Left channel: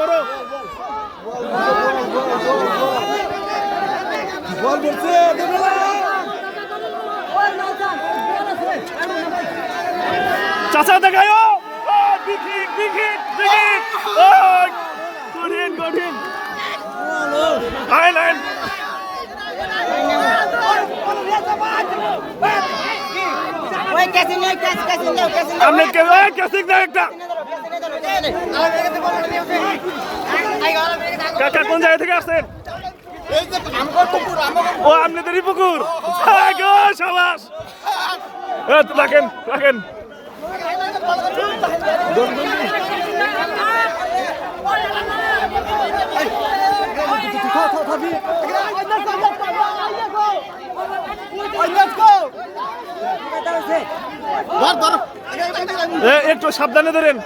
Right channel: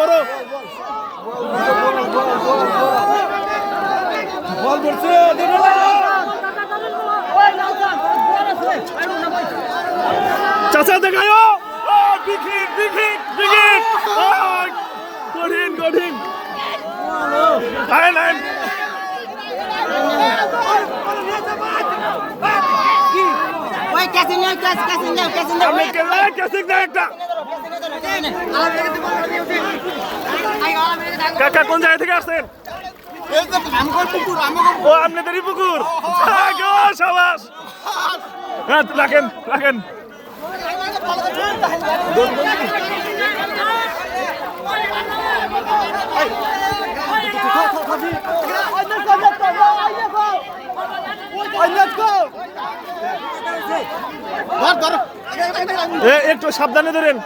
বড় বল করছে চাচা দেখায়ও কঠিন কঠিন আইন আইন কাকা কোন জায়গা থেকে আসছেন? ও আপনাদেরই পুকুর। সাবাস, রাখেন রাখেন। একটু সাবধানে ধরেন।